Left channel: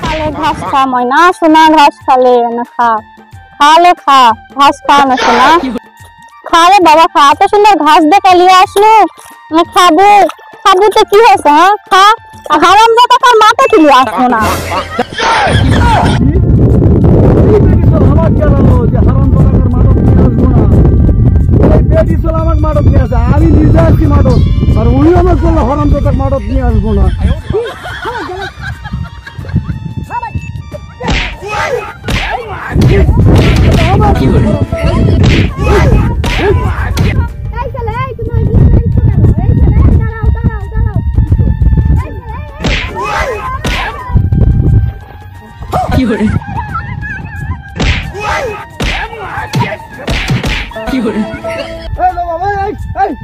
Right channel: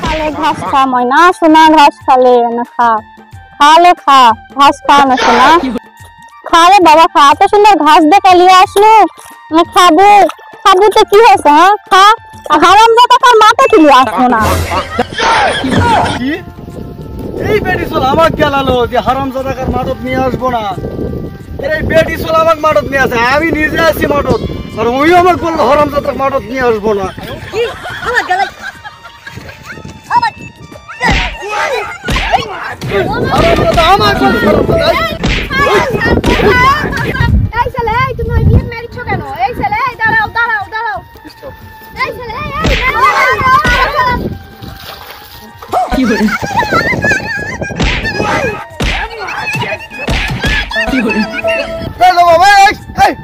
খালে ঘাস খা ময়না সোনা ঘাস খালে না খা খালে খা ঘাস খা না সোনা খা রে বাবা খা এত সুন্দর ঘাস দেখে নিয়ে আসলো আমি খাবো খাবো তো কি হয়েছে হ্যাঁ খা হারাম জাদা তার মাথা তুলে আসলো না এই বেটি চল আমাকে গেলালো যে হারাম জাদাকার মাদত নিয়ে আসবো না এই বেটি চল আমাকে মাদত নিয়ে আসে আমি নিজে আসি মাদত আর ওই আমাকে বললো হারাম জাদার মাদত নিয়ে আসবো না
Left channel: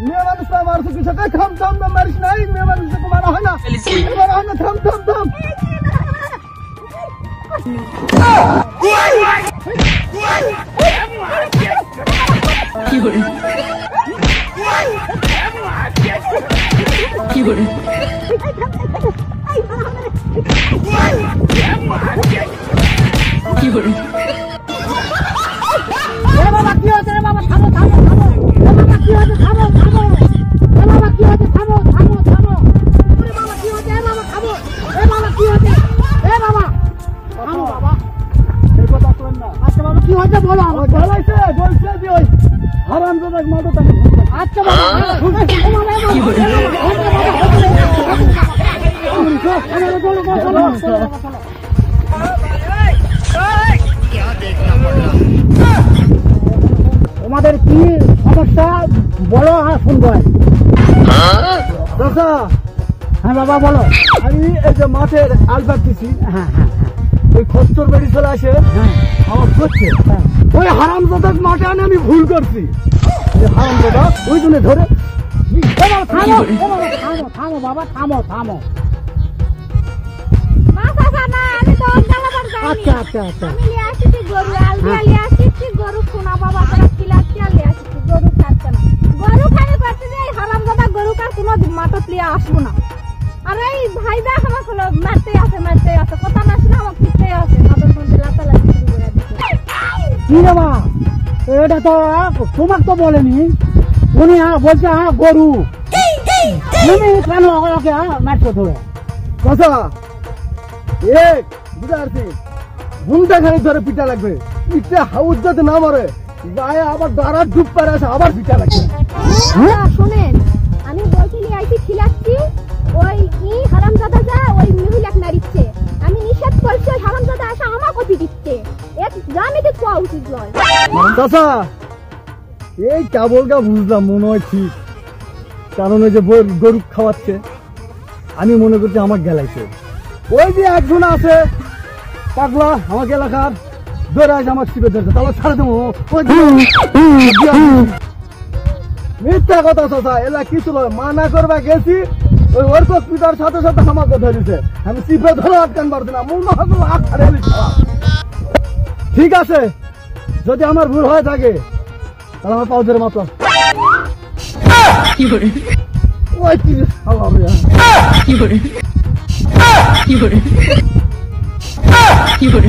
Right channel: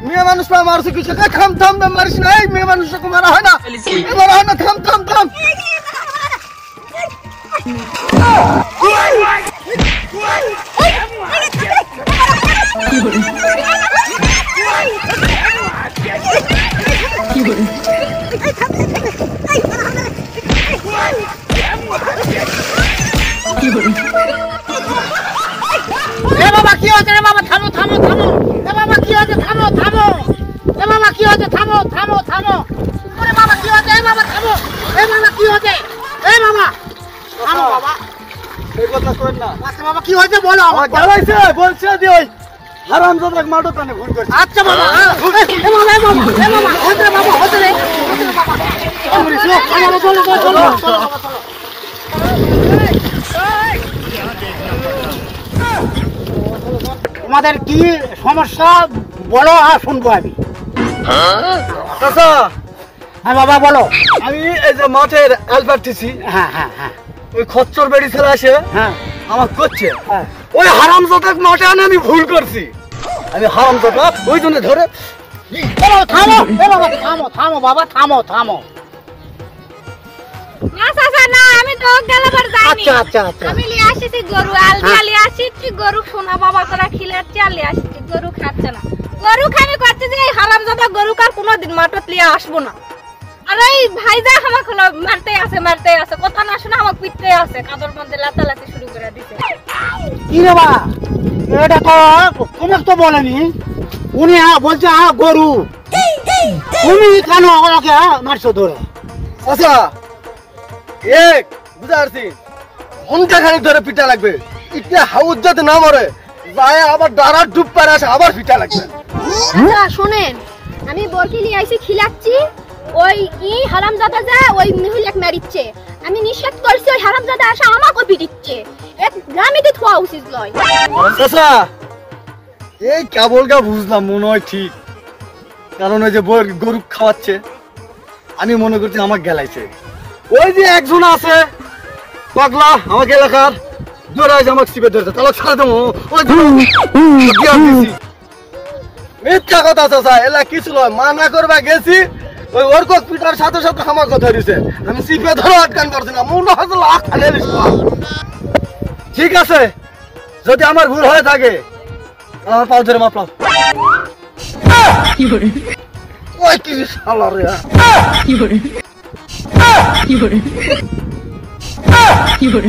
মেয়ে মানুষ মারছে কিছু থাম থাম থাম মারিস না মেয়ে মানুষকে মারা হয় না থাম থাম থাম বাবা কি হচ্ছে রে বাবা থামো থামো থামো এ বাবা কি হচ্ছে থামো থামো এ বাবা কি হচ্ছে থামো থামো থামো ওরে বাবা কি হচ্ছে এ বাবা থামো এ বাবা কি হচ্ছে এ বাবা থামো বাবা এই কথা কই না আচ্ছা বাবা কি হচ্ছে বলো আমার গলাইছে বলছে যে ওই হারাম জাদার মাদত আনে ভুল করছে আচ্ছা বাবা এ বাবা এ বাবা এ বাবা হচ্ছে বাবা হচ্ছে রে চলো চলো চলো তোমাদের কি সমস্যা বলো আর শুনবো আমি চাচা হ্যাঁ বাবা বলো আমি এই যে মাঠের আলবারটিছি হ্যাঁ হ্যাঁ হ্যাঁ ওই খচ্চর বেড়ি ছেলে আসে হ্যাঁ আমার করছে হ্যাঁ ওই হারাম জাদার মাঠে আনে আমি ভুল করছি আমি হারাম জাদা ওই জন্য ধরে থামো এ বাবা থামো থামো বাবা থামো থামো না চাচা না আমি তো গেলাবার যাইনি আচ্ছা আচ্ছা আচ্ছা আমি লিয়ে আসিছি গরু আলি আসিছি গরু শোনা বাবা করে খিলাচ্ছি আর লিয়ে আসিছি গরু খাচ্ছে না গরু খানি করতে যে হারামজাদা গরু কার কোনোদিন মাঠত লিয়ে আসবো না আর এই ভাইজা আমাকে মারতে আছে কথা না শুনে আমাকে পিটতে আছে কাদর মধ্যে লাতালাতি শুরু করে দিছে কি রে বাবা এটা তো তোমাকে তো বলেনি উনি বলছে গরু তুমি কেন ওকে মারছো ধরে চাচা এক বুঝা পারছি ঘন্টা খানিক ধরে পিটা লাগবে ইটা হাউস যাতে না মরে যায় আবার দাঁড়া ডুব পারে আসে আবার পিটা লাগবে শুনেন আমি বরকে নিয়ে আইছি খিলাচ্ছি ওই হারামজাদা যা ওই মহিলাকে মারিচ্ছে আমি নিষেধ করছি ওই হারামজাদা আসা আমাকে পিটিচ্ছে এক গ্রামেতে থোয়া উচিত লয় চাচা এই কেবলটা বুঝলাম মনে হয় ঠিক কারণ ওই যে গরু খাওয়াচ্ছে আমি মনে করছি আমার গেলাইছে ওই যে একজন আছে পাগলা আমাকে এলাকার দৌড়াইছে আমাকে চিপে ধরছে তাহলে ছাড়ে দেবো ওই মিথ্যা কথা চাচা এলা কিছু নয় মানা করবা গেছি ওই ওর কক পিটার সাথে সাথে আমাকে ধরেছে আমি চিপে ধরে আটকান পারছি না মনে হচ্ছে লাখ ঠিক আছে যদি আমার ভুল হয়ে থাকে তাহলে আমার পাও ধরে মাপলাম ওই কি শালা রে কি করে